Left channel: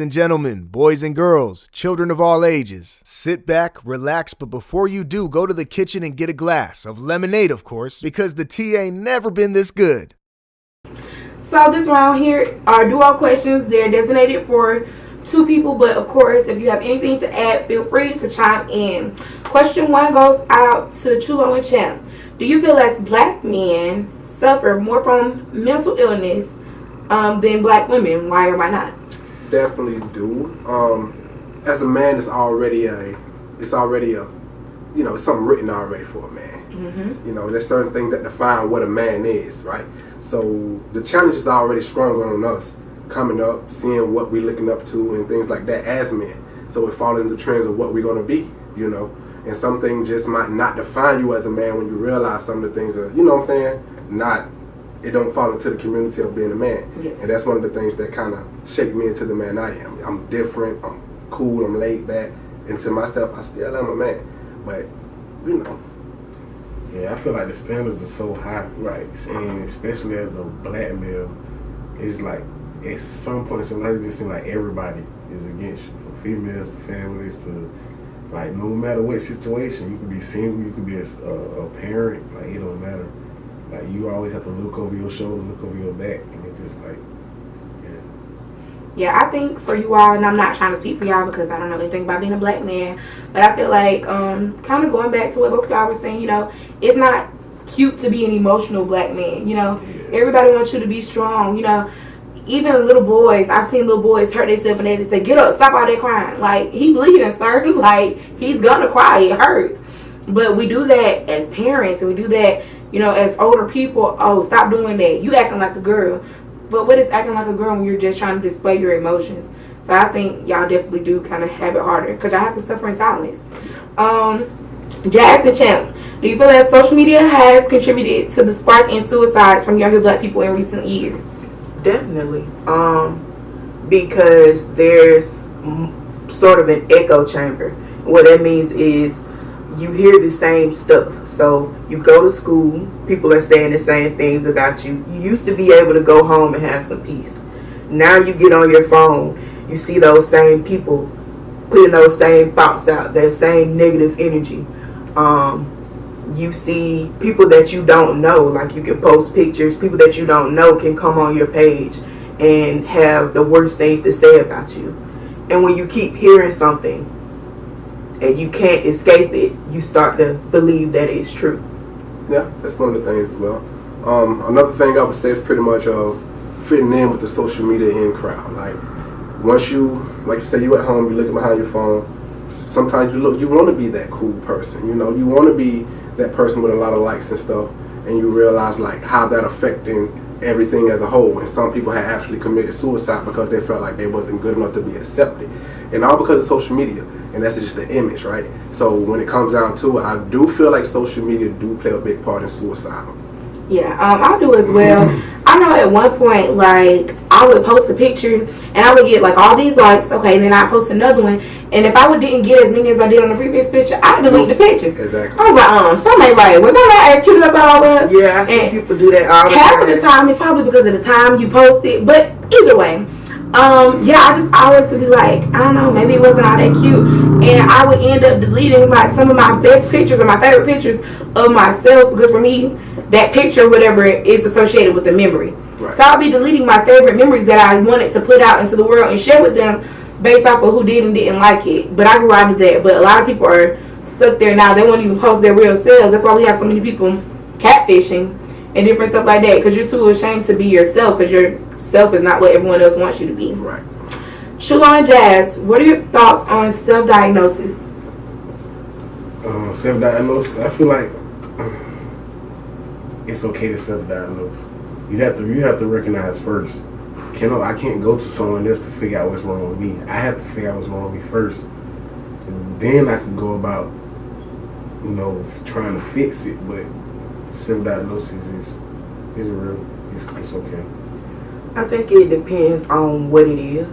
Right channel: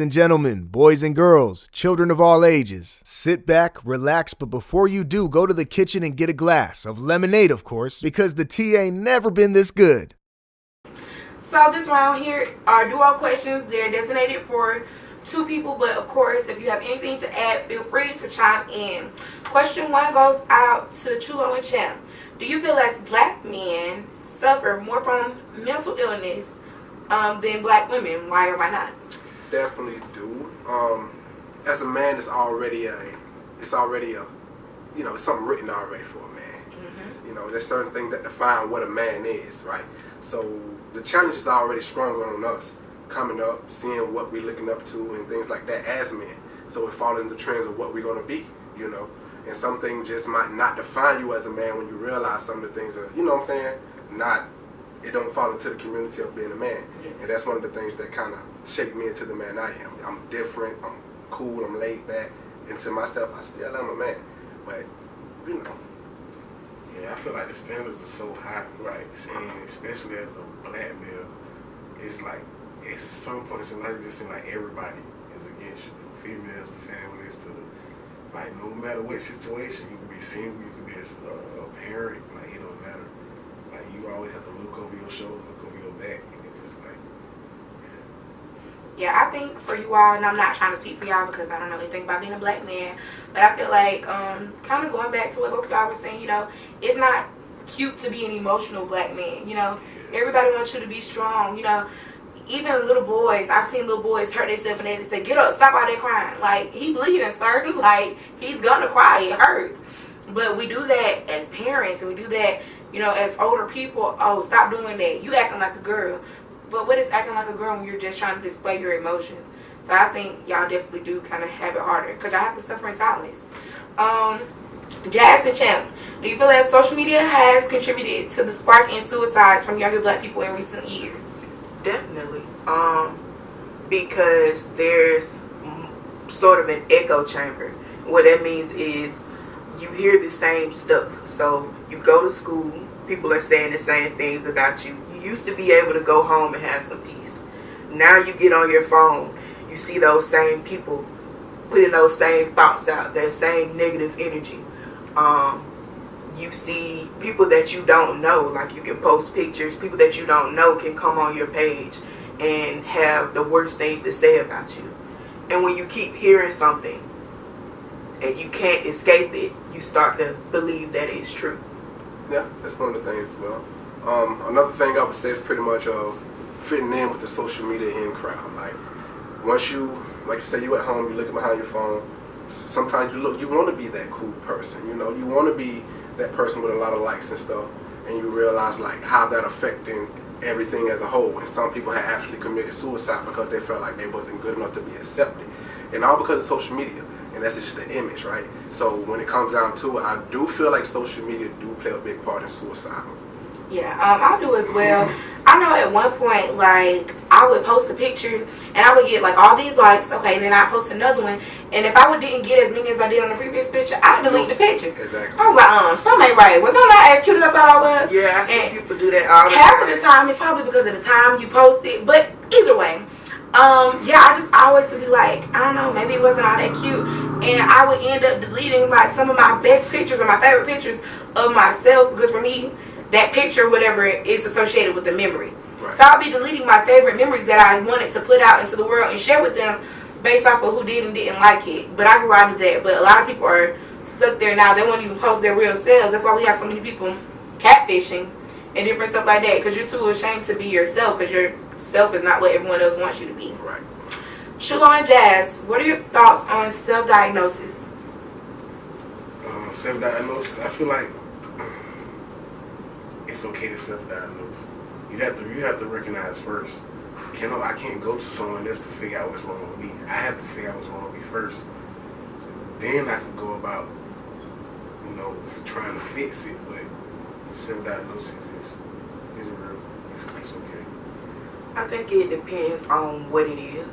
And gentlemen, boys and girls, children of all ages, sit back, relax, but before you do, go to the kitchen and get a glass of lemonade, of course, because the tea ain't never been this good. So this round here are duo questions. They're designated for two people, but of course, if you have anything to add, feel free to chime in. Question 1 goes out to Chulo and Champ. Do you feel as black men suffer more from mental illness than black women? Why or why not? Definitely do. As a man, it's already a, it's something written already for a man. Mm-hmm. There's certain things that define what a man is, right? So the challenge is already stronger on us coming up, seeing what we're looking up to and things like that as men. So it follows in the trends of what we're going to be, And some things just might not define you as a man when you realize some of the things are, it don't fall into the community of being a man. Yeah. And that's one of the things that kind of shaped me into the man I am. I'm different, I'm cool, I'm laid back. And to myself, I still am a man. But, Yeah, I feel like the standards are so high. Right. And especially as a black male, it's like, at some points in life, it just seems like everybody is against you. From females to families to, like, no matter what situation, you could be single, you could be a parent, like, it don't matter. Like, you always have to look over your shoulder, look over your back, and it's just like, yeah. Yeah, I think for you all, and I'm not trying to speak for y'all because I don't know anything about being a black man, but I feel like kind of going back to what both of y'all were saying, it's not cute to be an emotional black man, Yeah. Everybody wants you to be strong, Even little boys, I've seen little boys hurt themselves and they just say, get up, stop all that crying. Like, he bleeding, sir. Like, he's gonna cry, it hurts. But we do that as parents, and we do that, as older people. Oh, stop doing that. You acting like a girl. But what is acting like a girl when you're just trying to display your emotions? So I think y'all definitely do kind of have it harder because y'all have to suffer in silence. Jazz and Champ, do you feel that social media has contributed to the spark in suicides from younger black people in recent years? Definitely. Because there's sort of an echo chamber. What that means is you hear the same stuff. So you go to school, people are saying the same things about you. You used to be able to go home and have some peace. Now you get on your phone, you see those same people putting those same thoughts out, that same negative energy. You see people that you don't know, like you can post pictures, people that you don't know can come on your page and have the worst things to say about you. And when you keep hearing something and you can't escape it, you start to believe that it's true. Yeah, that's one of the things as well. Another thing I would say is pretty much fitting in with the social media in crowd. Like, once you, like you say, you at home, you're looking behind your phone, sometimes you want to be that cool person, you want to be that person with a lot of likes and stuff, and you realize like how that affecting everything as a whole. And some people have actually committed suicide because they felt like they wasn't good enough to be accepted, and all because of social media. And that's just the image, right? So when it comes down to it, I do feel like social media do play a big part in suicide. Yeah, I do as well. I know at one point, like, I would post a picture and I would get like all these likes, okay, then I post another one, and if I didn't get as many as I did on the previous picture, I'd delete the picture. Exactly. I was like, something ain't right. Was I not as cute as I thought I was? Yeah, I see people do that all the time. Half of the time, it's probably because of the time you post it, but either way. I just always would be like, I don't know, maybe it wasn't all that cute, and I would end up deleting like some of my best pictures or my favorite pictures of myself, because for me, that picture or whatever is associated with the memory. Right. So I'll be deleting my favorite memories that I wanted to put out into the world and share with them based off of who did and didn't like it. But I grew out of that. But a lot of people are stuck there now. They won't even post their real selves. That's why we have so many people catfishing and different stuff like that, because you're too ashamed to be yourself, because yourself is not what everyone else wants you to be. Right. Chulo and Jazz, what are your thoughts on self-diagnosis? Self-diagnosis, I feel like it's okay to self-diagnose. You have to recognize first. I can't go to someone else to figure out what's wrong with me. I have to figure out what's wrong with me first. And then I could go about, trying to fix it. But self-diagnosis is real. It's okay. I think it depends on what it is.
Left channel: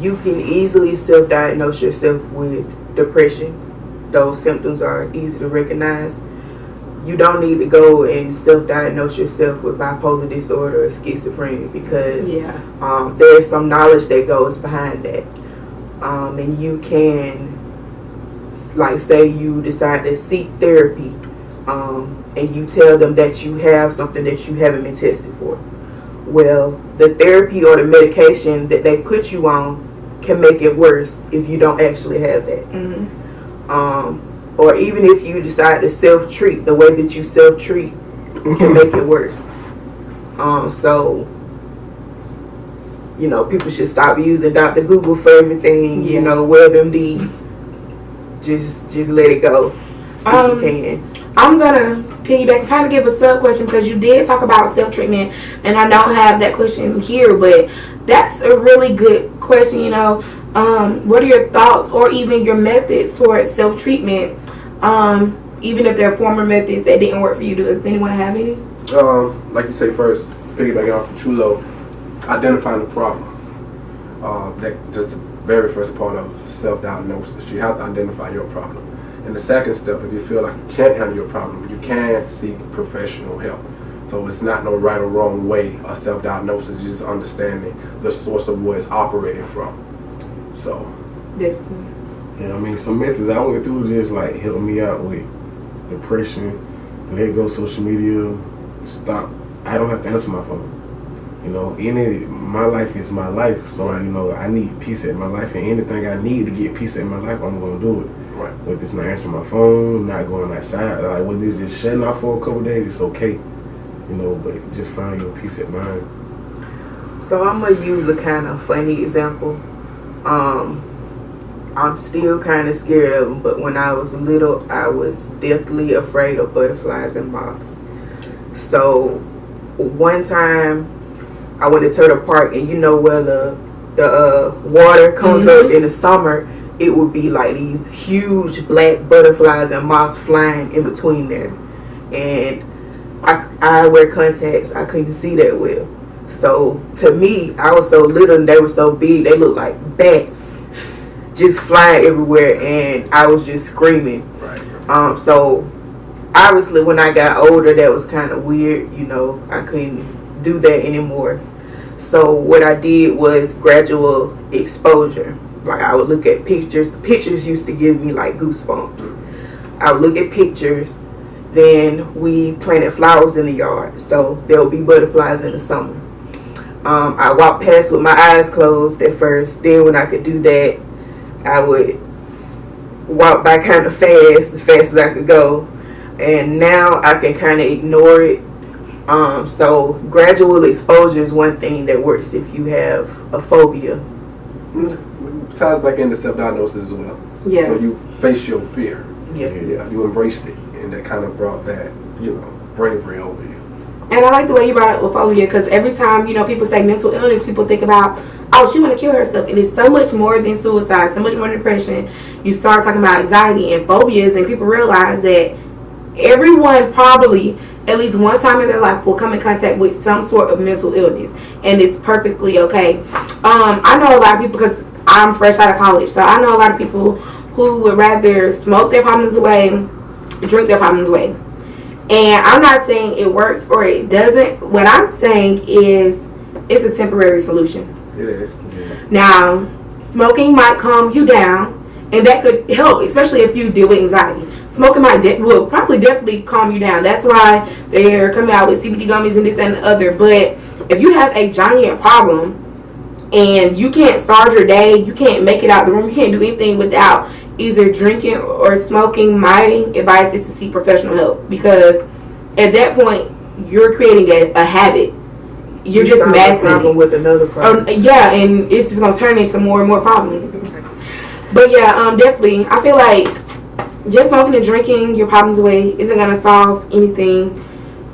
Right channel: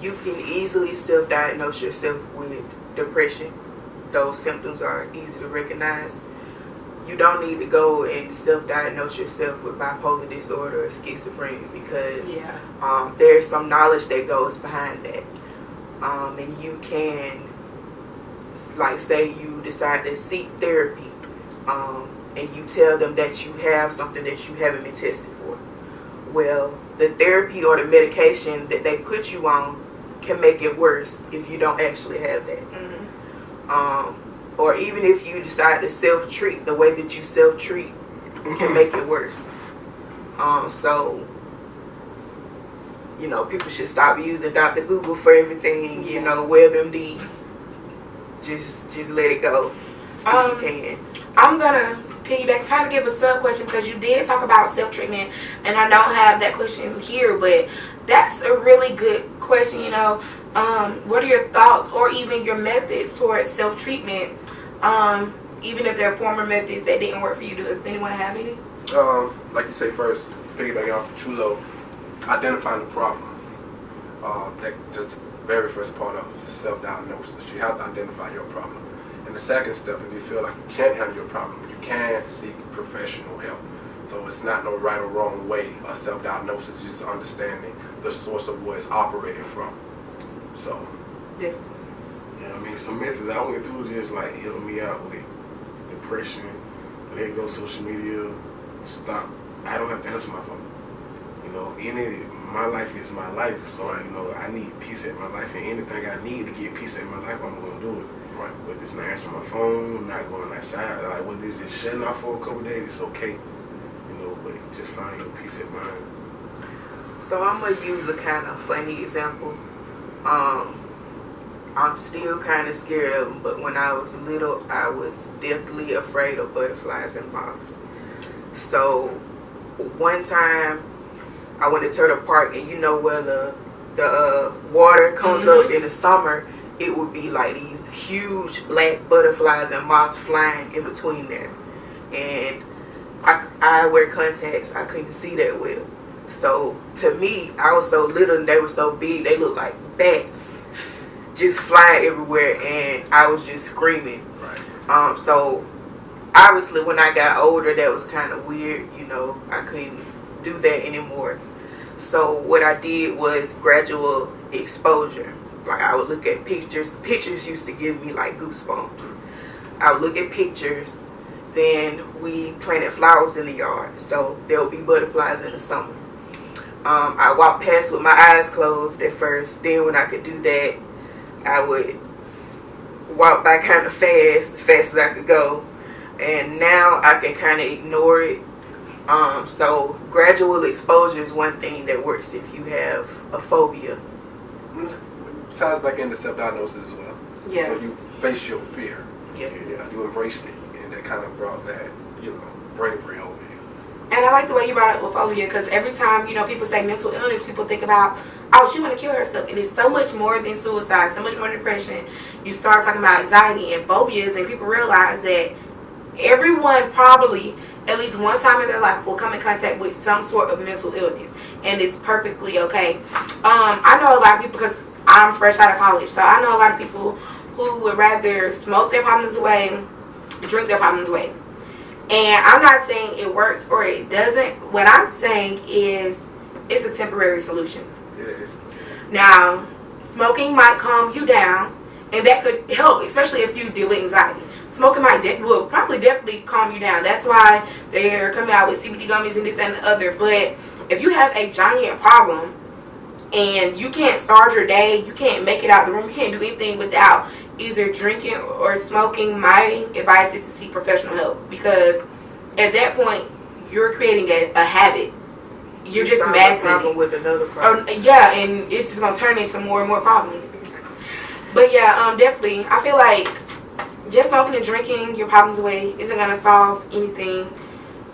You can easily self-diagnose yourself with depression. Those symptoms are easy to recognize. you don't need to go and self-diagnose yourself with bipolar disorder or schizophrenia, because there's some knowledge that goes behind that. And you can, like, say you decide to seek therapy, and you tell them that you have something that you haven't been tested for. Well, the therapy or the medication that they put you on can make it worse if you don't actually have that. Or even if you decide to self-treat, the way that you self-treat can make it worse. So, you know, people should stop using Dr. Google for everything. You know, WebMD. Just let it go if you can. I'm gonna piggyback and kind of give a sub question, because you did talk about self-treatment, and I don't have that question here, but that's a really good question. You know, what are your thoughts or even your methods towards self-treatment, even if there are former methods that didn't work for you? Does anyone have any? Like you say, first, piggybacking off of Chulo, identifying the problem. That just the very first part of self-diagnosis. You have to identify your problem. And the second step, if you feel like you can't handle your problem, you can seek professional help. So it's not no right or wrong way of self-diagnosis. You're just understanding the source of where it's operating from. So. Definitely. Yeah, I mean, some methods I went through just like helping me out with depression, let go social media, stop. I don't have to answer my phone. You know, my life is my life, so you know I need peace in my life, and anything I need to get peace in my life, I'm gonna do it. Right. Whether it's not answering my phone, not going outside, like whether it's just shutting off for a couple of days, it's okay. You know, but just find your peace of mind. So I'm gonna use a kind of funny example. I'm still kind of scared of them, but when I was little, I was deathly afraid of butterflies and moths. So one time I went to Turtle Park, and you know where the water comes up in the summer, it would be like these huge black butterflies and moths flying in between there. And I wear contacts, I couldn't see that well. So to me, I was so little and they were so big, they looked like bats just flying everywhere, and I was just screaming. Right. So obviously when I got older, that was kind of weird, you know, I couldn't do that anymore. So what I did was gradual exposure. Like I would look at pictures. Pictures used to give me like goosebumps. I would look at pictures. Then we planted flowers in the yard, so there would be butterflies in the summer. I walked past with my eyes closed at first. Then when I could do that, I would walk by kind of fast, as fast as I could go. And now I can kind of ignore it. So gradual exposure is one thing that works if you have a phobia. Ties back into self-diagnosis as well. Yeah. So you face your fear. Yeah. You embraced it, and that kind of brought that, you know, bravery over you. And I like the way you brought up phobia, because every time, you know, people say mental illness, people think about, oh, she want to kill herself. And it's so much more than suicide, so much more than depression. You start talking about anxiety and phobias, and people realize that everyone probably at least one time in their life will come in contact with some sort of mental illness, and it's perfectly okay. I know a lot of people, because I'm fresh out of college, so I know a lot of people who would rather smoke their problems away, drink their problems away. And I'm not saying it works or it doesn't. What I'm saying is it's a temporary solution. It is. Yeah. Now, smoking might calm you down, and that could help, especially if you deal with anxiety. Smoking will probably definitely calm you down. That's why they're coming out with CBD gummies and this and the other. But if you have a giant problem and you can't start your day, you can't make it out the room, you can't do anything without either drinking or smoking, my advice is to seek professional help, because at that point you're creating a habit. You're just masking problem with another problem. Yeah, and it's just gonna turn into more and more problems. But yeah, definitely, I feel like just smoking and drinking your problems away isn't gonna solve anything.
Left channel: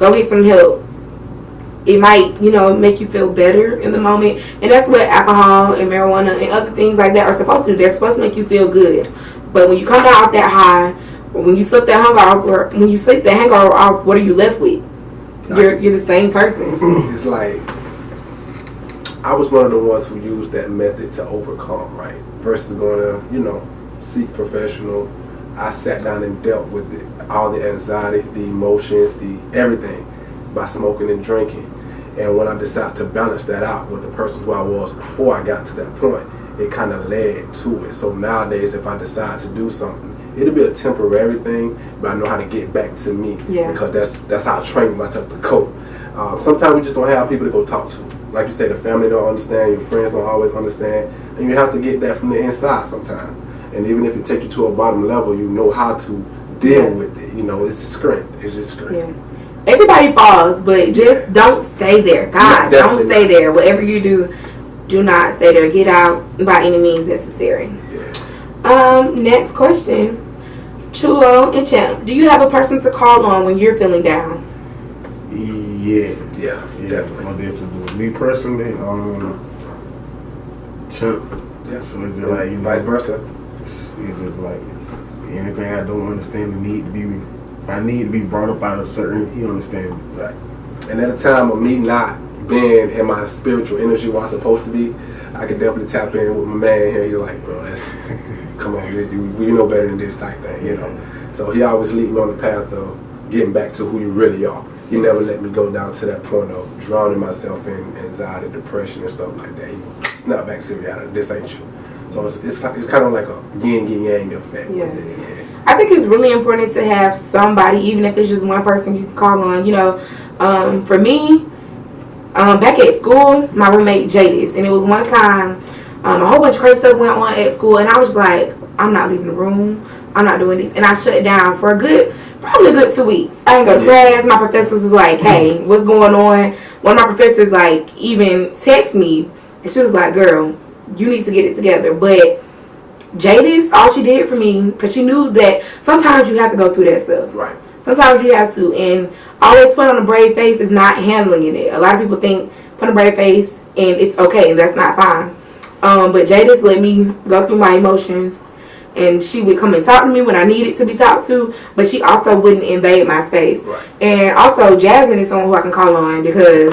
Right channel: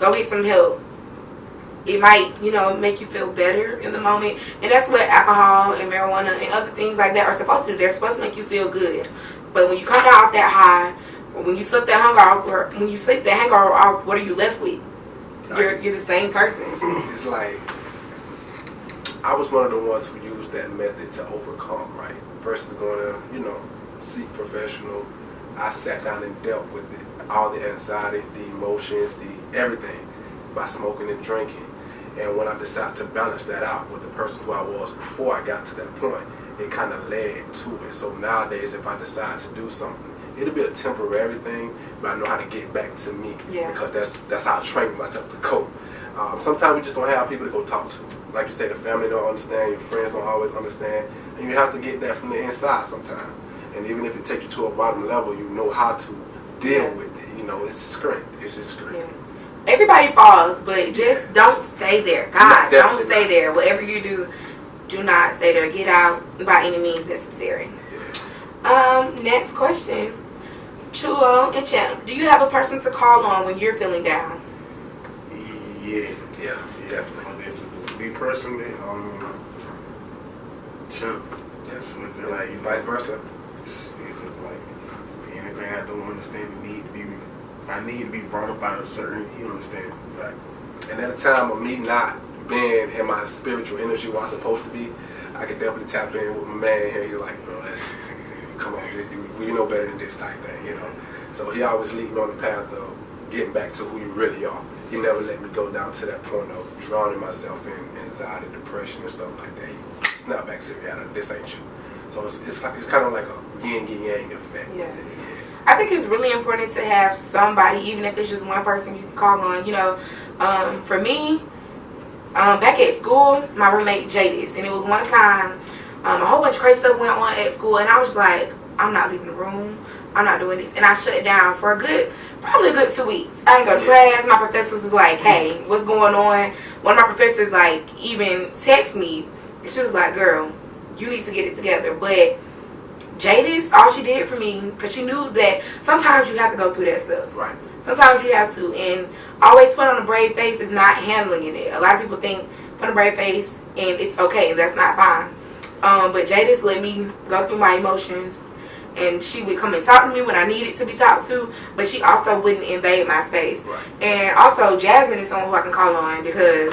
Go get some help. It might, you know, make you feel better in the moment, and that's what alcohol and marijuana and other things like that are supposed to do. They're supposed to make you feel good. But when you come down off that high, or when you slip that hangover, off, what are you left with? You're the same person. It's like, I was one of the ones who used that method to overcome, right? Versus going to, you know, seek professional I sat down and dealt with all the anxiety, the emotions, the everything by smoking and drinking. And when I decided to balance that out with the person who I was before I got to that point, it kind of led to it. So nowadays, if I decide to do something, it'll be a temporary thing, but I know how to get back to me, because that's how I train myself to cope. Sometimes we just don't have people to go talk to. Like you say, the family don't understand, your friends don't always understand, and you have to get that from the inside sometimes. And even if it takes you to a bottom level, you know how to deal with it. You know, it's strength. It's just strength. Yeah. Everybody falls, but just don't stay there. God, don't stay there. Whatever you do, do not stay there. Get out by any means necessary. Yeah. Next question. Chulo and Champ, do you have a person to call on when you're feeling down? Yeah, definitely. I definitely do. Me personally, Champ. Yeah. So it's just like, you know, vice versa. It's just like anything I don't understand, if I need to be brought up out of certain, he understands me. Right. And at a time of me not being in my spiritual energy where I'm supposed to be, I could definitely tap in with my man here. He's like, bro, come on, we know better than this type thing, you know. So he always lead me on the path of getting back to who you really are. He never let me go down to that point of drowning myself in anxiety, depression, and stuff like that. He snap back to reality. This ain't you. So it's kind of like a yin and yang effect. Yeah. With it. Yeah. I think it's really important to have somebody, even if it's just one person you can call on. You know, for me, back at school, my roommate Jadis, and it was one time a whole bunch of crazy stuff went on at school, and I was like, I'm not leaving the room. I'm not doing this. And I shut down for probably a good 2 weeks. I didn't go to class. My professors was like, hey, what's going on? One of my professors like even text me, and she was like, girl, you need to get it together. But Jadis, all she did for me, because she knew that sometimes you have to go through that stuff. Right. Sometimes you have to. And always put on a brave face is not handling it. A lot of people think put on a brave face and it's okay. And that's not fine. But Jadis let me go through my emotions. And she would come and talk to me when I needed to be talked to. But she also wouldn't invade my space. Right. And also, Jasmine is someone who I can call on, because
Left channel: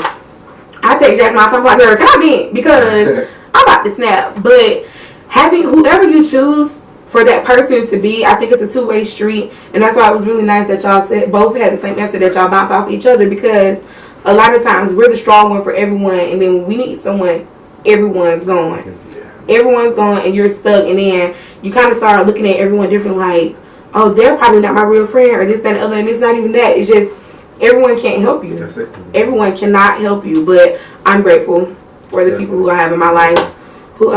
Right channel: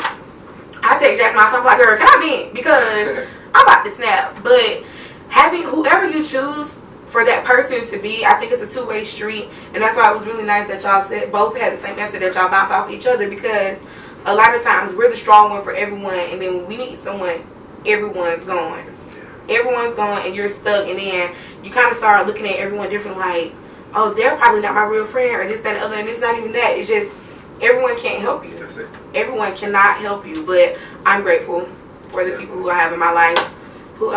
I take Jasmine all the time. I'm like, girl, can I vent? Because I'm about to snap. But having whoever you choose for that person to be, I think it's a two-way street. And that's why it was really nice that y'all said both had the same answer, that y'all bounce off each other. Because a lot of times we're the strong one for everyone. And then when we need someone, everyone's going. Everyone's going and you're stuck. And then you kind of start looking at everyone different, like, oh, they're probably not my real friend, or this, that, and the other. And it's not even that. It's just everyone can't help you. That's it. Everyone cannot help you. But I'm grateful for the people who I have in my life who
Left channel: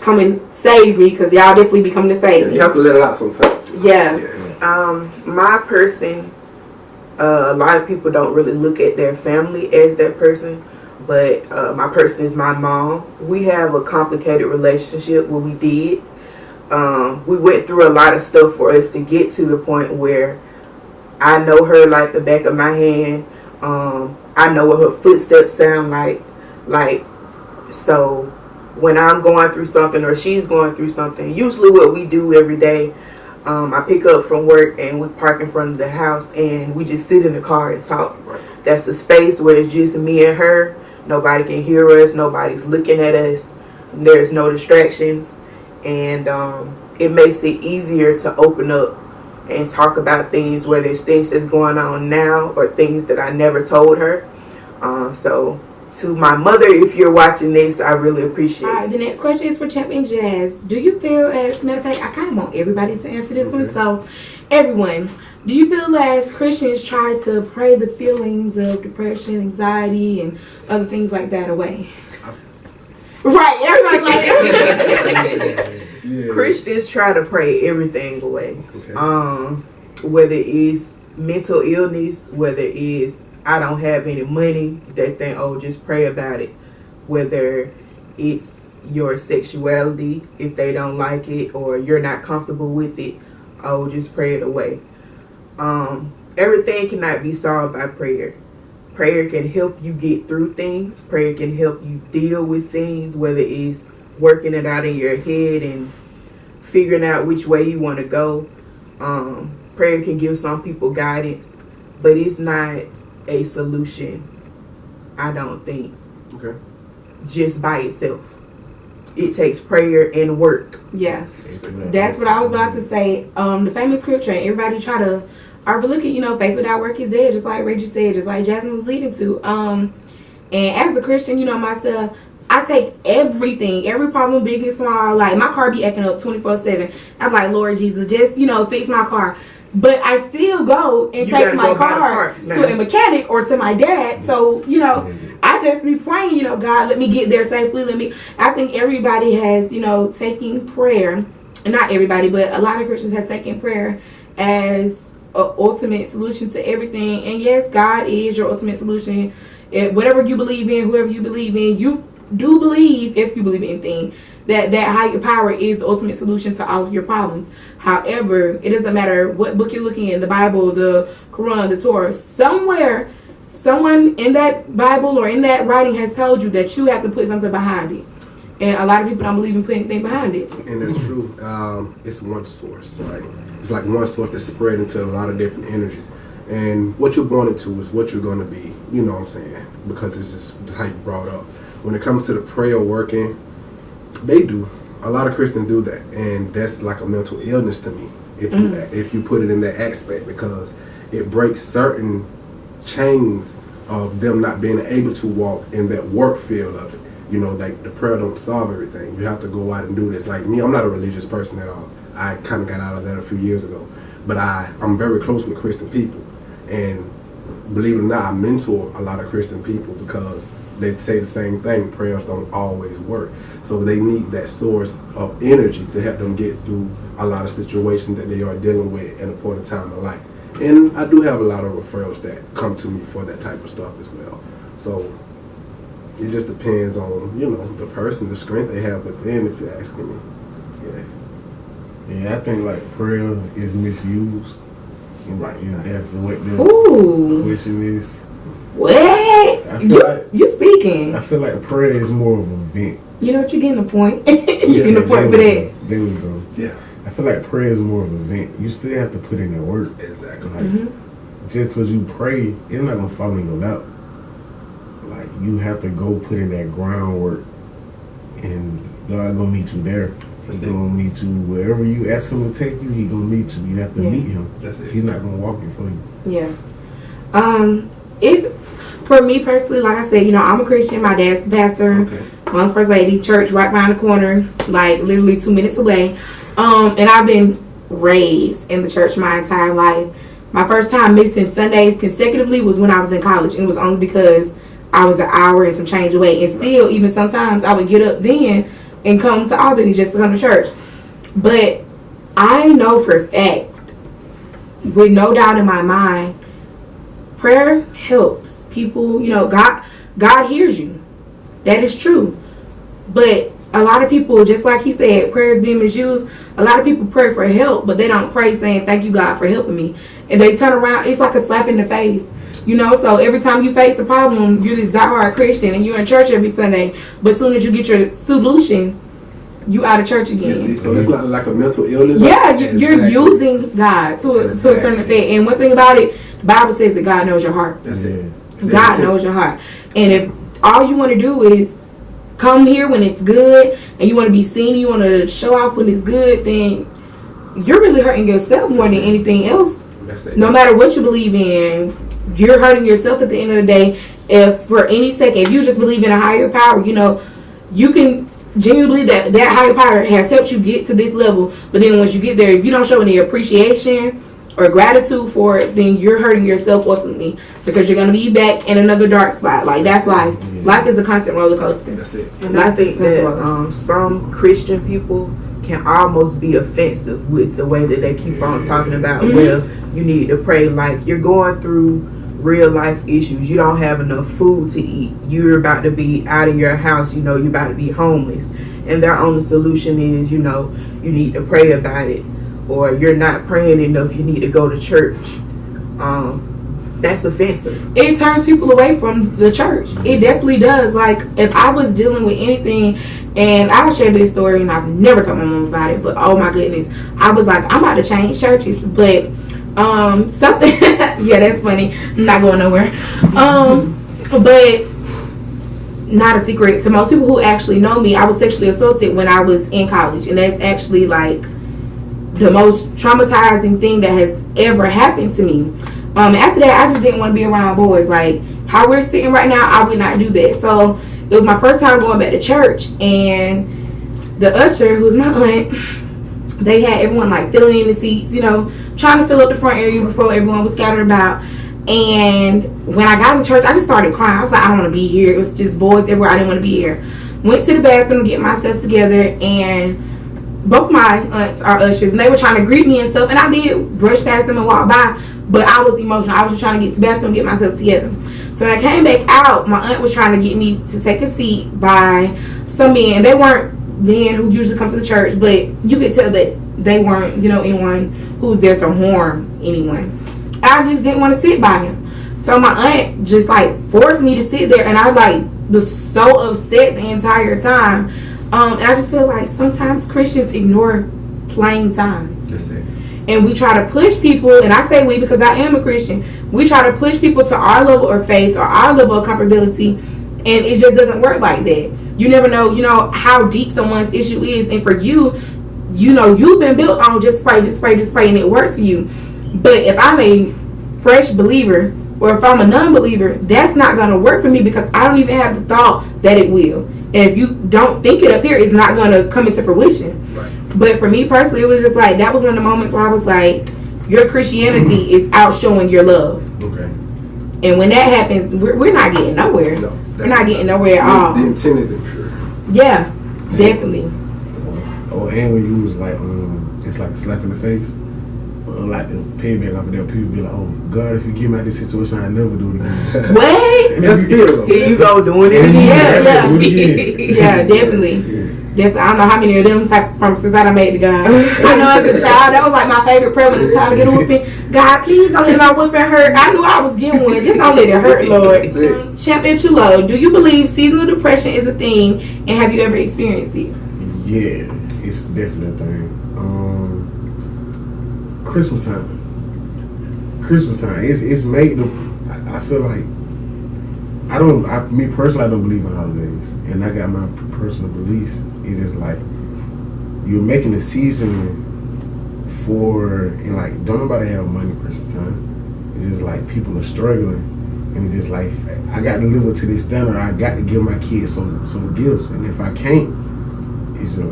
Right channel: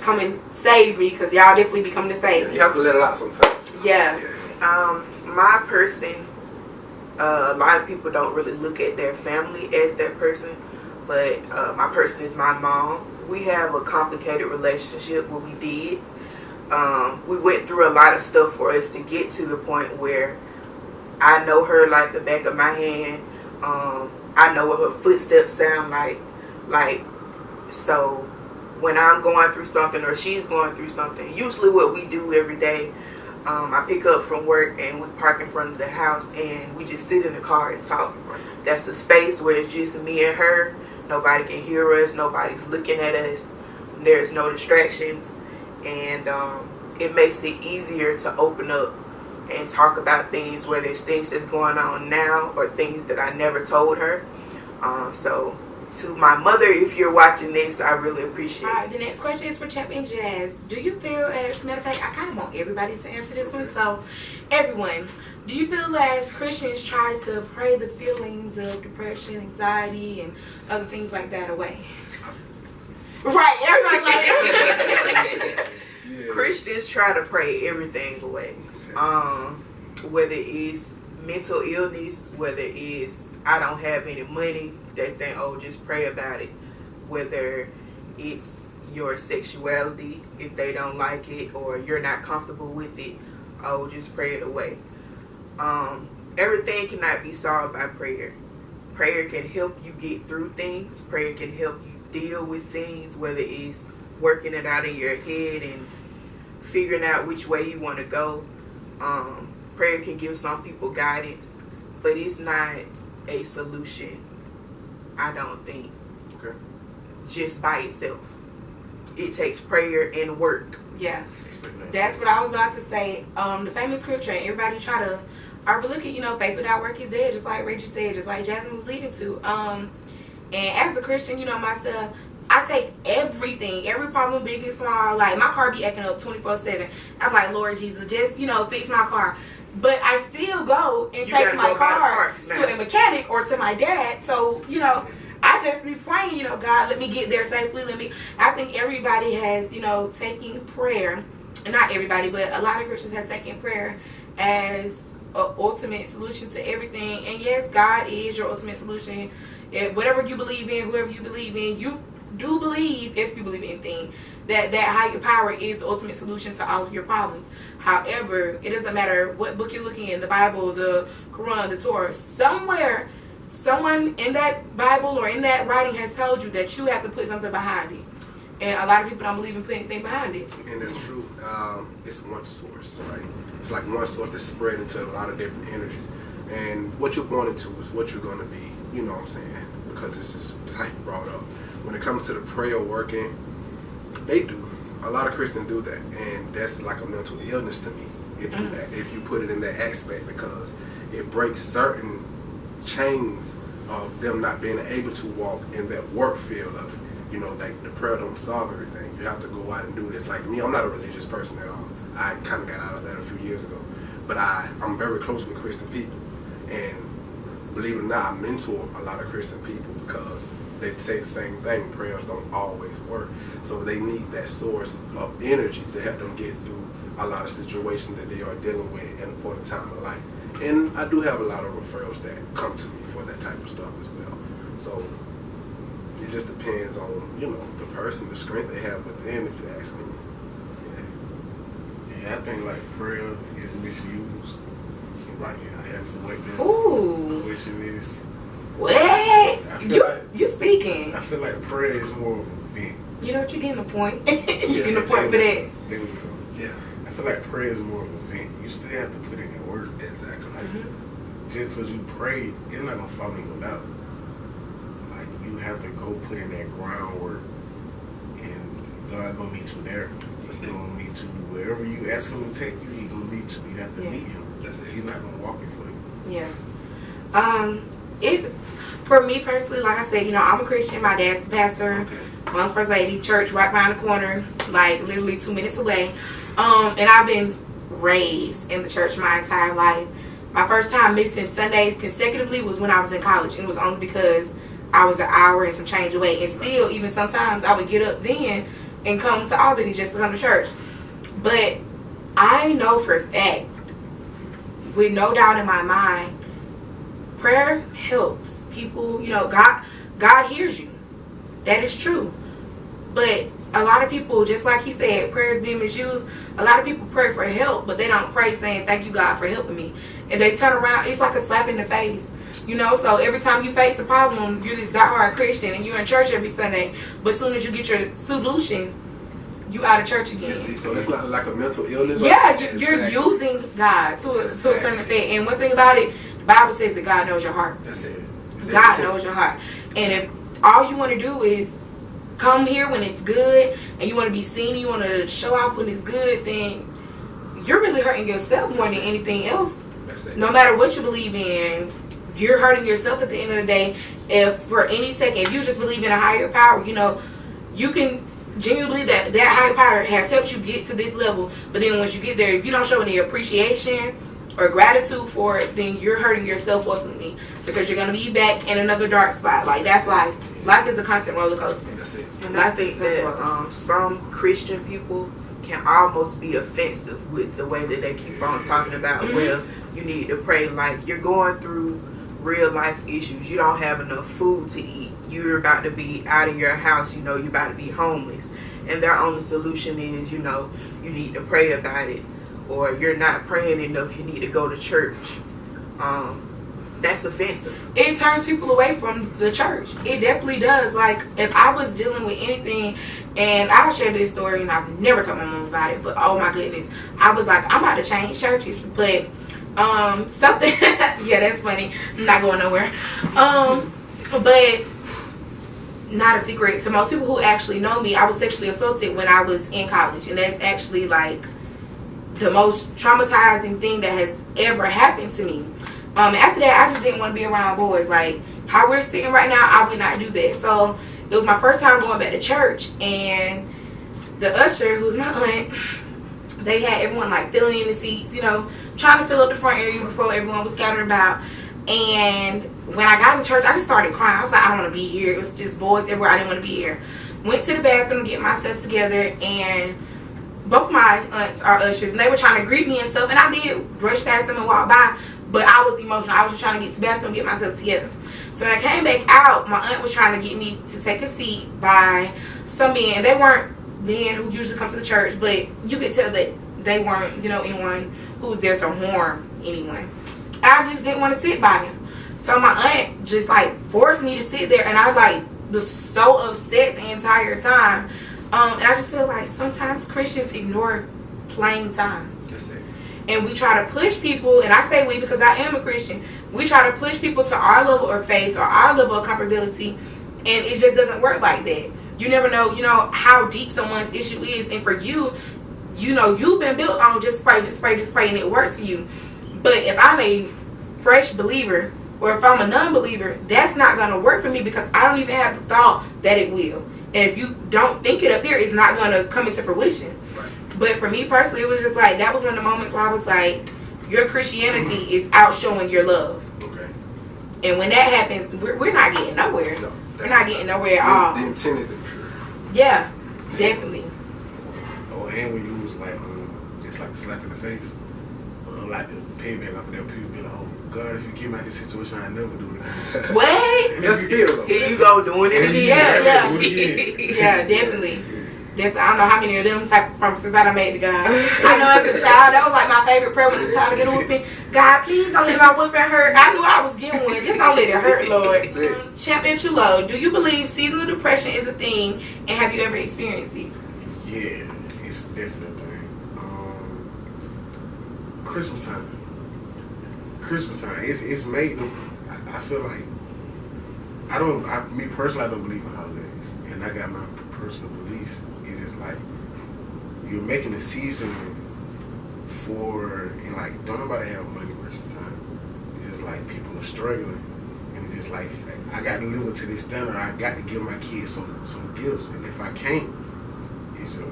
come and save me, because y'all definitely be coming to save me. You have to let it out sometimes. Yeah. My person, a lot of people don't really look at their family as their person, but my person is my mom. We have a complicated relationship. Well, we did. We went through a lot of stuff for us to get to the point where I know her like the back of my hand. I know what her footsteps sound like. So when I'm going through something or she's going through something, usually what we do every day, I pick up from work and we park in front of the house and we just sit in the car and talk. Right. That's a space where it's just me and her. Nobody can hear us. Nobody's looking at us. There's no distractions. And it makes it easier to open up and talk about things, whether it's things that's going on now or things that I never told her. So to my mother, if you're watching this, I really appreciate it. All right, the next question is for Champion Jazz. Do you feel, as a matter of fact, I kind of want everybody to answer this one. So, everyone, do you feel as Christians try to pray the feelings of depression, anxiety, and other things like that away? Right, everybody's like yeah. Christians try to pray everything away. Okay. Whether it's mental illness, whether it's I don't have any money, they think, oh, just pray about it. Whether it's your sexuality, if they don't like it or you're not comfortable with it, oh, just pray it away. Everything cannot be solved by prayer. Prayer can help you get through things. Prayer can help you deal with things, whether it's working it out in your head and figuring out which way you want to go. Prayer can give some people guidance, but it's not a solution, I don't think. Okay. Just by itself. it takes prayer and work. Yeah, that's what I was about to say. The famous scripture, and everybody try to overlook it. Faith without work is dead, just like Reggie said, just like Jasmine was leading to. And as a Christian, myself, I take everything, every problem, big and small. Like, my car be acting up 24/7. I'm like, Lord Jesus, just, fix my car. But I still go and take my car to a mechanic or to my dad. So, I just be praying, God, let me get there safely. I think everybody has, taking prayer. Not everybody, but a lot of Christians have taken prayer as an ultimate solution to everything. And yes, God is your ultimate solution. Whatever you believe in, whoever you believe in, you do believe, if you believe in anything, that higher power is the ultimate solution to all of your problems. However, it doesn't matter what book you're looking in, the Bible, the Quran, the Torah, somewhere, someone in that Bible or in that writing has told you that you have to put something behind it. And a lot of people don't believe in putting anything behind it. And it's true. It's one source, right? It's like one source that's spread into a lot of different energies. And what you're born into is what you're going to be. You know what I'm saying? Because it's just how you brought up. When it comes to the prayer working, they do. A lot of Christians do that, and that's like a mental illness to me. If you put it in that aspect, because it breaks certain chains of them not being able to walk in that work field of it. Like the prayer don't solve everything. You have to go out and do this. Like me, I'm not a religious person at all. I kind of got out of that a few years ago, but I'm very close with Christian people, and believe it or not, I mentor a lot of Christian people because they say the same thing. Prayers don't always work. So they need that source of energy to help them get through a lot of situations that they are dealing with in a point in time of life. And I do have a lot of referrals that come to me for that type of stuff as well. So it just depends on, the person, the strength they have within, if you're asking me. Yeah, I think like prayer is misused. And that's what the question is. What? You speaking? I feel like prayer is more of a vent. You're getting a point. You're getting a point for that. There we go. Yeah. I feel like prayer is more of a vent. You still have to put in that work. Exactly. Just because you pray, it's not going to fall in your lap. Like, you have to go put in that groundwork. And God going to meet you there. He's going to meet you wherever you ask him to take you, he's going to meet you. You have to meet him. That's it. He's not going to walk it for you. Yeah. It's, for me personally, like I said, I'm a Christian. My dad's the pastor. Okay. Mom's first lady. Church right around the corner, like literally 2 minutes away. And I've been raised in the church my entire life. My first time missing Sundays consecutively was when I was in college. And it was only because I was an hour and some change away. And still, even sometimes I would get up then and come to Albany just to come to church. But I know for a fact, with no doubt in my mind, prayer helps people. God hears you. That is true. But a lot of people, just like he said, prayer is being misused. A lot of people pray for help, but they don't pray saying, thank you, God, for helping me. And they turn around. It's like a slap in the face. So every time you face a problem, you're this diehard Christian and you're in church every Sunday. But as soon as you get your solution, you out of church again. You see, so it's not like a mental illness. Yeah, you're using God to a certain effect. And one thing about it, the Bible says that God knows your heart. That's it. God knows your heart. And if all you want to do is come here when it's good and you want to be seen, you want to show off when it's good, then you're really hurting yourself more than anything else. No matter what you believe in, you're hurting yourself at the end of the day. If for any second, if you just believe in a higher power, you can genuinely believe that higher power has helped you get to this level. But then once you get there, if you don't show any appreciation or gratitude for it, then you're hurting yourself ultimately, because you're going to be back in another dark spot. Like, that's life. Life is a constant roller coaster. That's it. And I think that some Christian people can almost be offensive with the way that they keep on talking about, well, you need to pray. Like, you're going through real life issues. You don't have enough food to eat. You're about to be out of your house. You're about to be homeless. And their only solution is, you need to pray about it. Or you're not praying enough, you need to go to church. That's offensive. It turns people away from the church. It definitely does. Like, if I was dealing with anything, and I'll share this story, and I've never told my mom about it, but oh my goodness, I was like, I'm about to change churches. But something, yeah, that's funny. I'm not going nowhere. But not a secret to most people who actually know me. I was sexually assaulted when I was in college, and that's actually like the most traumatizing thing that has ever happened to me. After that, I just didn't want to be around boys. Like how we're sitting right now, I would not do that. So it was my first time going back to church, and the usher, who's my aunt, they had everyone like filling in the seats, you know, trying to fill up the front area before everyone was scattered about. And when I got in church, I just started crying. I was like, I don't want to be here. It was just boys everywhere. I didn't want to be here. Went to the bathroom to get myself together, and both my aunts are ushers, and they were trying to greet me and stuff. And I did brush past them and walk by, but I was emotional. I was just trying to get to the bathroom and get myself together. So when I came back out, my aunt was trying to get me to take a seat by some men. They weren't men who usually come to the church, but you could tell that they weren't, you know, anyone who was there to harm anyone. I just didn't want to sit by him. So my aunt just like forced me to sit there, and I like was so upset the entire time. And I just feel like sometimes Christians ignore plain signs. That's it. And we try to push people, and I say we because I am a Christian, we try to push people to our level of faith or our level of comfortability, and it just doesn't work like that. You never know, you know, how deep someone's issue is, and for you, you know, you've been built on just pray, and it works for you. But if I'm a fresh believer, or if I'm a non-believer, that's not going to work for me because I don't even have the thought that it will. And if you don't think it up here, it's not going to come into fruition. Right. But for me personally, it was just like, that was one of the moments where I was like, your Christianity is outshowing your love. Okay. And when that happens, we're not getting nowhere. No, we're not getting nowhere at all. The intent is impure. Yeah, definitely. Oh, and when you was like, it's like a slap in the face. Like the payback off of that, people be like, "Oh God, if you get me out of this situation, I never do it again." What? That's fear. Here you go doing it again. Yeah. Do it again. Yeah, definitely. Definitely. I don't know how many of them type of promises that I made to God. I know as a child, that was like my favorite prayer when it's time to get a whooping. God, please don't let my whooping hurt. I knew I was getting one. Just don't let it hurt, Lord. Champion Chulo, do you believe seasonal depression is a thing, and have you ever experienced it? Yeah, it's definitely a thing. Christmas time. It's made the. I feel like me personally, I don't believe in holidays, and I got my personal beliefs. It's just like you're making a season for, and like don't nobody have money Christmas time. It's just like people are struggling, and it's just like I got to live up to this standard. I got to give my kids some gifts, and if I can't, it's just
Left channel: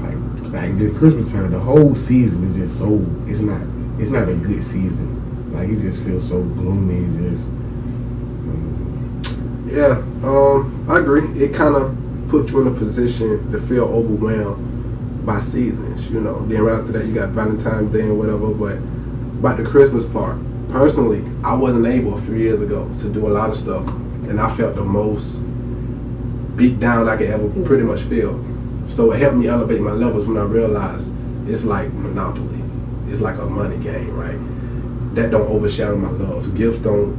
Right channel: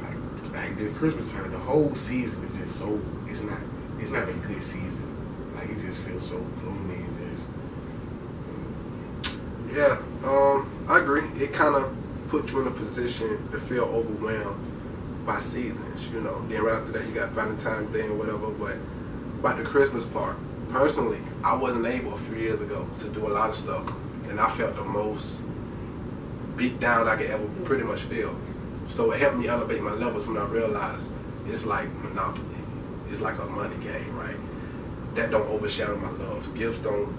like just Christmas time. The whole season is just so. It's not a good season. Like it just feels so gloomy and just. Yeah, I agree. It kind of puts you in a position to feel overwhelmed by seasons, you know. Then right after that, you got Valentine's Day and whatever. But about the Christmas part, personally, I wasn't able a few years ago to do a lot of stuff, and I felt the most beat down I could ever pretty much feel. So it helped me elevate my levels when I realized it's like Monopoly. It's like a money game, right? That don't overshadow my love. Gifts don't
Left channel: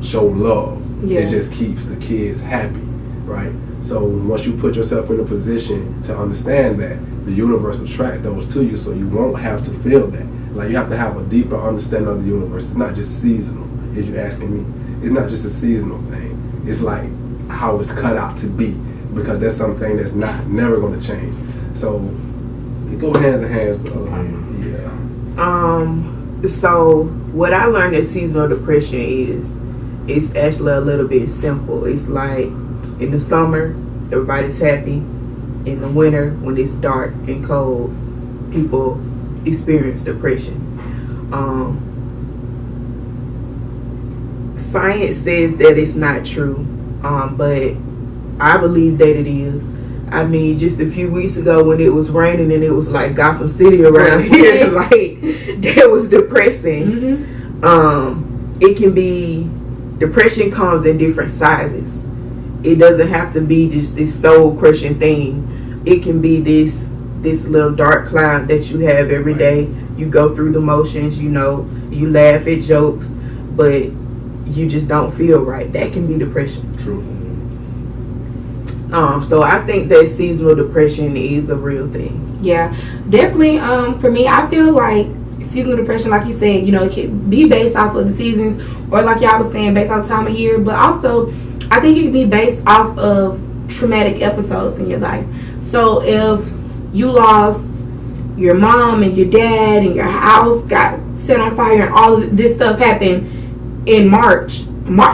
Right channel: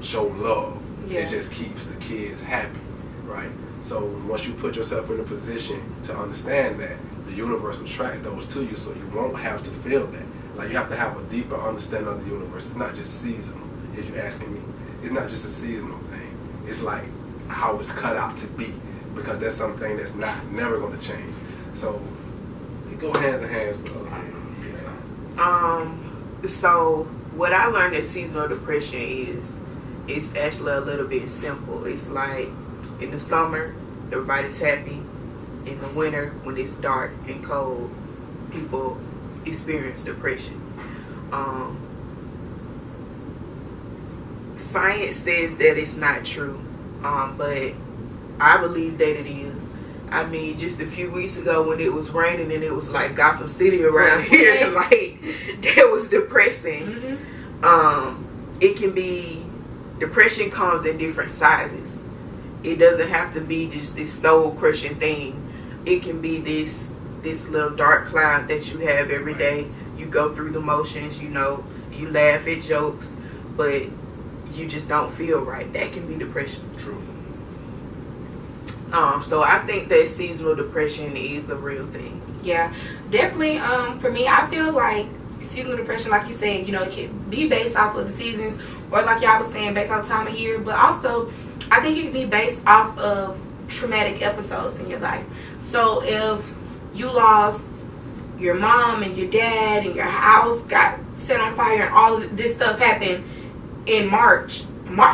show love. Yeah. It just keeps the kids happy, right? So once you put yourself in a position to understand that, the universe attracts those to you, so you won't have to feel that. Like you have to have a deeper understanding of the universe. It's not just seasonal, if you're asking me. It's not just a seasonal thing. It's like how it's cut out to be, because that's something that's never going to change. So it go hands in hands with a lot. Yeah. So what I learned that seasonal depression is, it's actually a little bit simple. It's like in the summer, everybody's happy. In the winter, when it's dark and cold, people experience depression. Science says that it's not true, but I believe that it is. I mean, just a few weeks ago when it was raining and it was like Gotham City around here, like that was depressing. Mm-hmm. It can be, depression comes in different sizes. It doesn't have to be just this soul crushing thing. It can be this little dark cloud that you have every day. You go through the motions, you know, you laugh at jokes, but you just don't feel right. That can be depression. True. So I think that seasonal depression is a real thing. Yeah, definitely. For me, I feel like seasonal depression, like you said, you know, it can be based off of the seasons, or like y'all was saying, based off time of year. But also, I think it can be based off of traumatic episodes in your life. So if you lost your mom and your dad and your house got set on fire and all of this stuff happened in March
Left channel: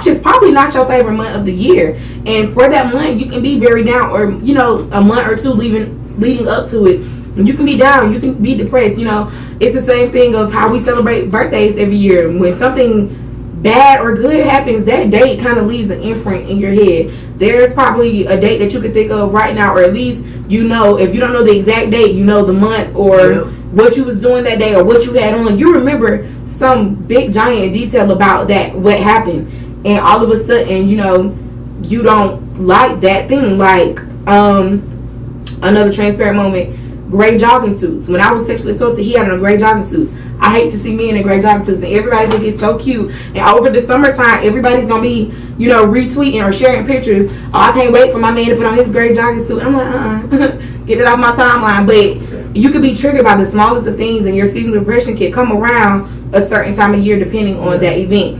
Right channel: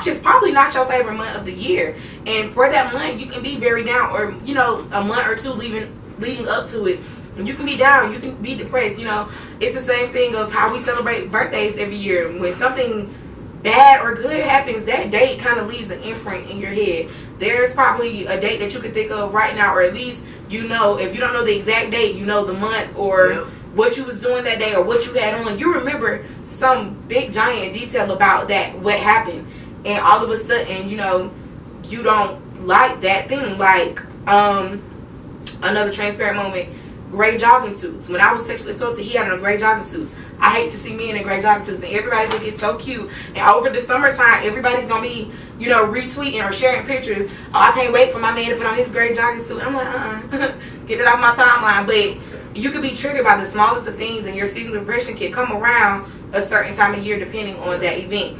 is probably not your favorite month of the year. And for that month, you can be very down, or, you know, a month or two leading up to it. You can be down, you can be depressed. You know, it's the same thing of how we celebrate birthdays every year. When something bad or good happens, that date kind of leaves an imprint in your head. There's probably a date that you could think of right now, or at least, you know, if you don't know the exact date, you know the month or what you was doing that day or what you had on. You remember some big giant detail about that, what happened. And all of a sudden, you know, you don't like that thing. Like, another transparent moment, gray jogging suits. When I was sexually assaulted, he had on a gray jogging suit. I hate to see me in a gray jogging suit, and everybody think it's so cute. And over the summertime, everybody's gonna be, you know, retweeting or sharing pictures. Oh, I can't wait for my man to put on his gray jogging suit. I'm like, get it off my timeline. But you could be triggered by the smallest of things, and your seasonal depression can come around a certain time of year depending on that event.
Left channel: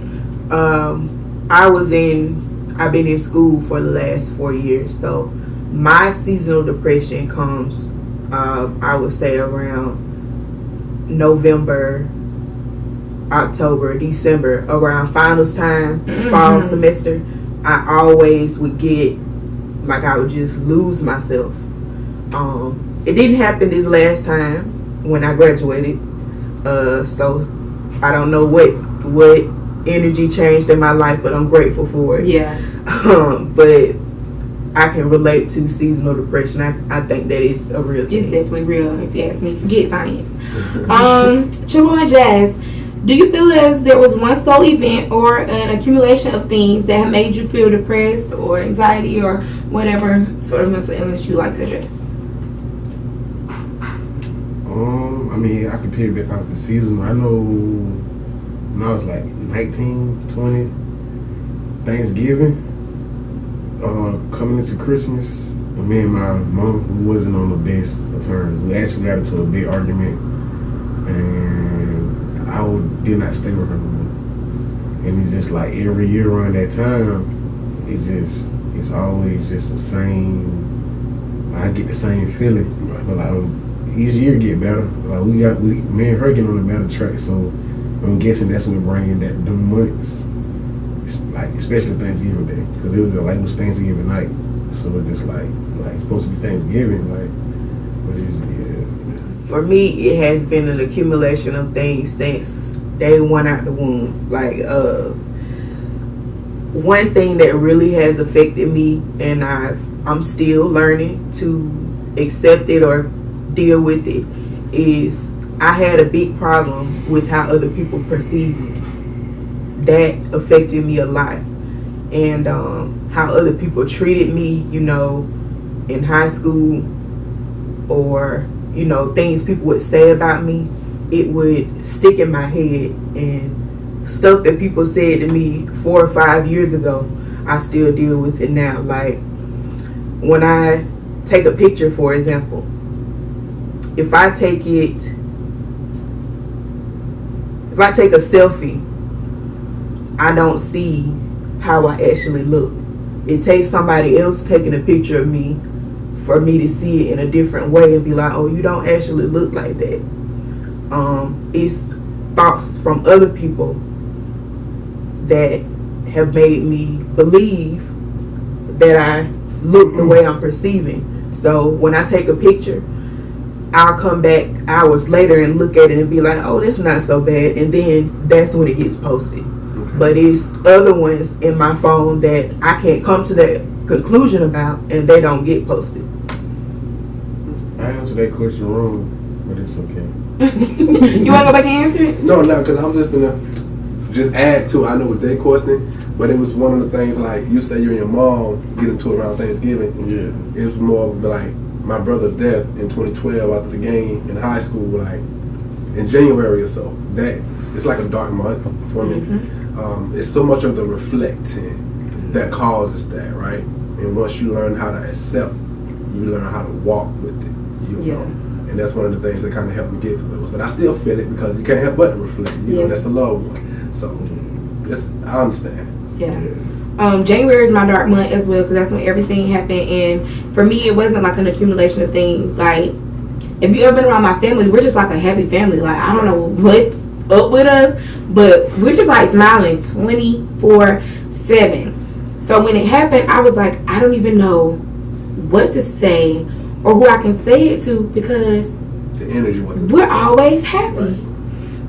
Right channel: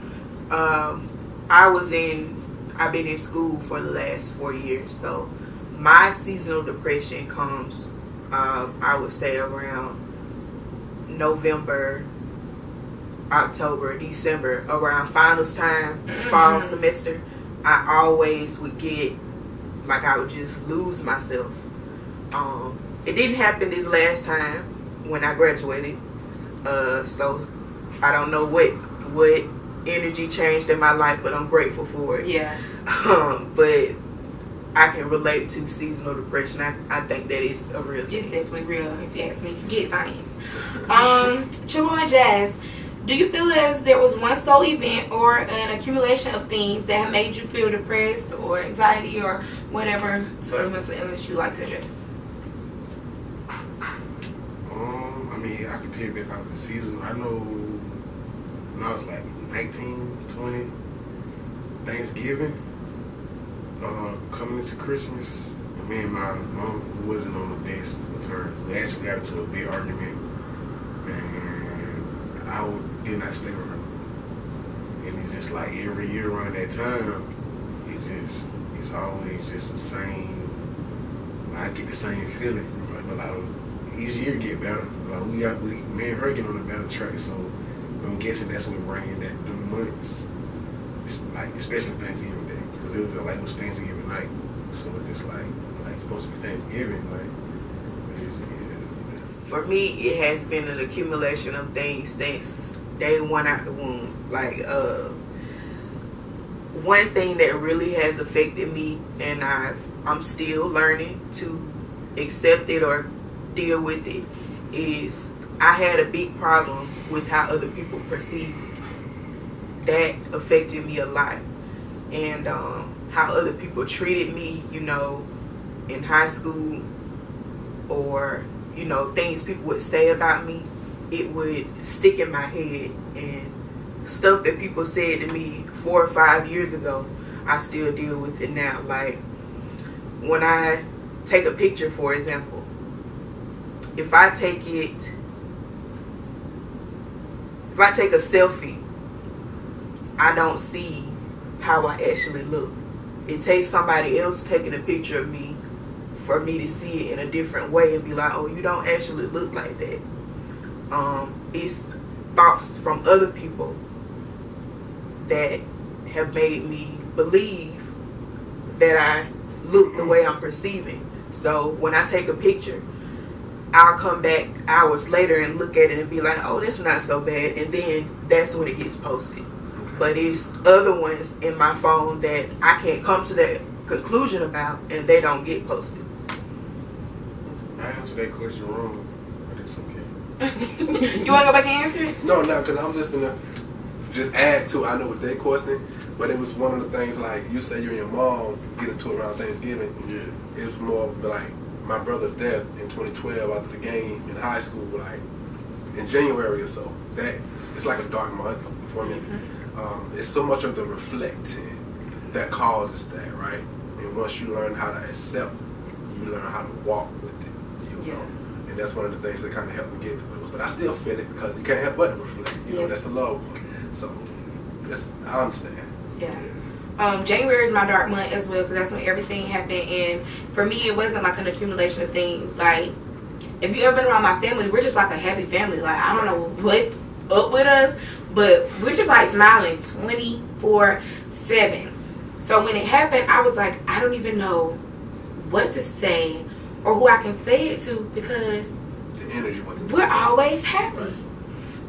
I've been in school for the last 4 years, so my seasonal depression comes, I would say, around November, October, December, around finals time, fall semester. I always would get, like, I would just lose myself. It didn't happen this last time when I graduated, so I don't know what energy changed in my life, but I'm grateful for it. Yeah. But I can relate to seasonal depression. I think that is a real thing. It's definitely real, if you ask me. Forget science. Chulo and Jazz, do you feel as there was one sole event or an accumulation of things that have made you feel depressed or anxiety or whatever sort of mental illness you like to address? I mean, I could pick back out the season. I know when I was like 19, 20, Thanksgiving, coming into Christmas, me and my mom, we wasn't on the best of terms. We actually got into a big argument, and I did not stay with her no more. And it's just like every year around that time, it's always just the same. I get the same feeling, but like each year get better. Like me and her get on a better track. So I'm guessing that's what bringing that the months, like especially Thanksgiving Day, because it was Thanksgiving night. So it just like it's supposed to be Thanksgiving, like. But for me, it has been an accumulation of things since day one out the womb. Like, one thing that really has affected me, and I'm still learning to accept it or deal with it, is I had a big problem with how other people perceive me. That affected me a lot. And how other people treated me, you know, in high school, or, you know, things people would say about me, it would stick in my head. And stuff that people said to me 4 or 5 years ago, I still deal with it now. Like, when I take a picture, for example, if I take a selfie, I don't see how I actually look. It takes somebody else taking a picture of me for me to see it in a different way and be like, oh, you don't actually look like that. It's thoughts from other people that have made me believe that I look the way I'm perceiving. So when I take a picture, I'll come back hours later and look at it and be like, oh, that's not so bad. And then that's when it gets posted. But it's other ones in my phone that I can't come to that conclusion about, and they don't get posted. I answered that question wrong, but it's okay. You want to go back and answer it? No, because I was just gonna add to. I know it's their question, but it was one of the things, like you say, you and your mom get into it around Thanksgiving. Yeah, it was more of like my brother's death in 2012 after the game in high school, like in January or so. That it's like a dark month for me. Mm-hmm. It's so much of the reflecting that causes that, right? And once you learn how to accept, you learn how to walk with it, you know. And that's one of the things that kind of helped me get through those. But I still feel it because you can't help but to reflect. You know, that's the loved one. So I understand. Yeah. January is my dark month as well because that's when everything happened. And for me, it wasn't like an accumulation of things. Like, if you ever been around my family, we're just like a happy family. Like, I don't know what's up with us, but we're just like smiling 24/7. So when it happened, I was like, I don't even know what to say or who I can say it to because the energy wasn't. We're always happy. Right.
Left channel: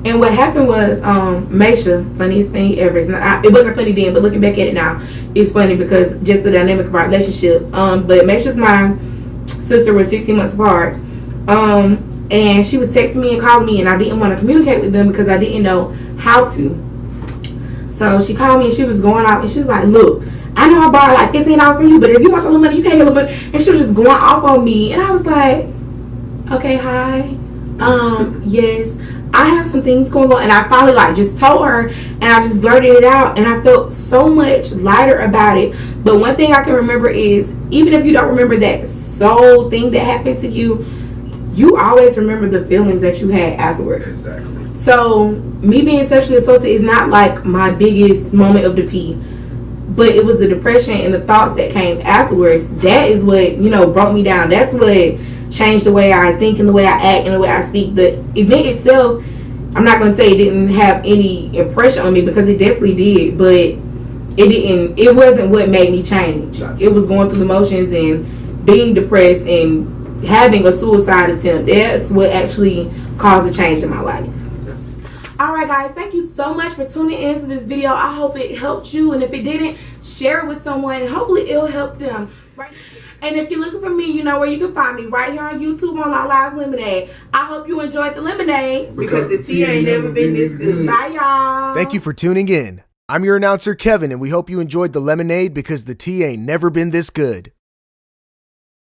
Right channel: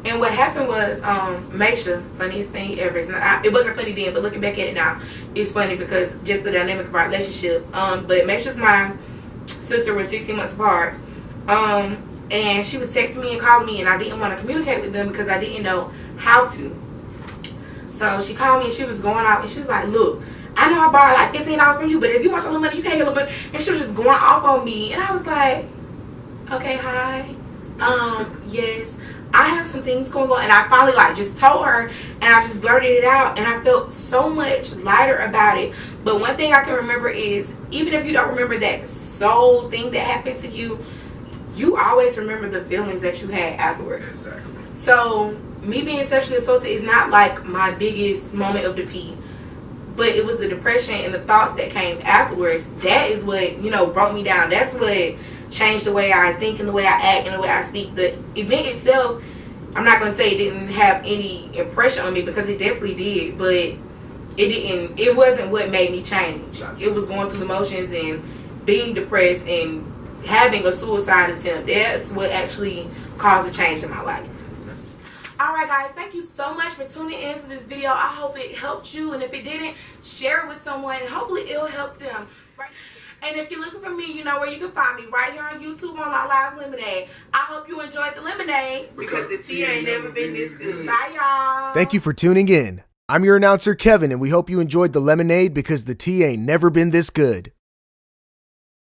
And what happened was, Maisha, funniest thing ever. It wasn't funny then, but looking back at it now, it's funny because just the dynamic of our relationship. But Maisha's my sister, was 16 months apart. And she was texting me and calling me, and I didn't want to communicate with them because I didn't know how to. So she called me and she was going out, and she was like, look, I know I borrowed like $15 from you, but if you want your little money, you can't get a little bit. And she was just going off on me, and I was like, okay, hi. Yes, I have some things going on. And I finally like just told her, and I just blurted it out, and I felt so much lighter about it. But one thing I can remember is, even if you don't remember that soul thing that happened to you, you always remember the feelings that you had afterwards. Exactly. So me being sexually assaulted is not like my biggest moment of defeat, but it was the depression and the thoughts that came afterwards. That is what, broke me down. That's what changed the way I think and the way I act and the way I speak. The event itself, I'm not going to say it didn't have any impression on me because it definitely did, but it wasn't what made me change. It was going through the motions and being depressed and having a suicide attempt. That's what actually caused a change in my life. Alright guys, thank you so much for tuning into this video. I hope it helped you, and if it didn't, share it with someone and hopefully it'll help them. Right? And if you're looking for me, you know where you can find me, right here on YouTube on Our Lives Lemonade. I hope you enjoyed the lemonade. Because the tea ain't never been this good. Bye y'all. Thank you for tuning in. I'm your announcer, Kevin, and we hope you enjoyed the lemonade because the tea ain't never been this good.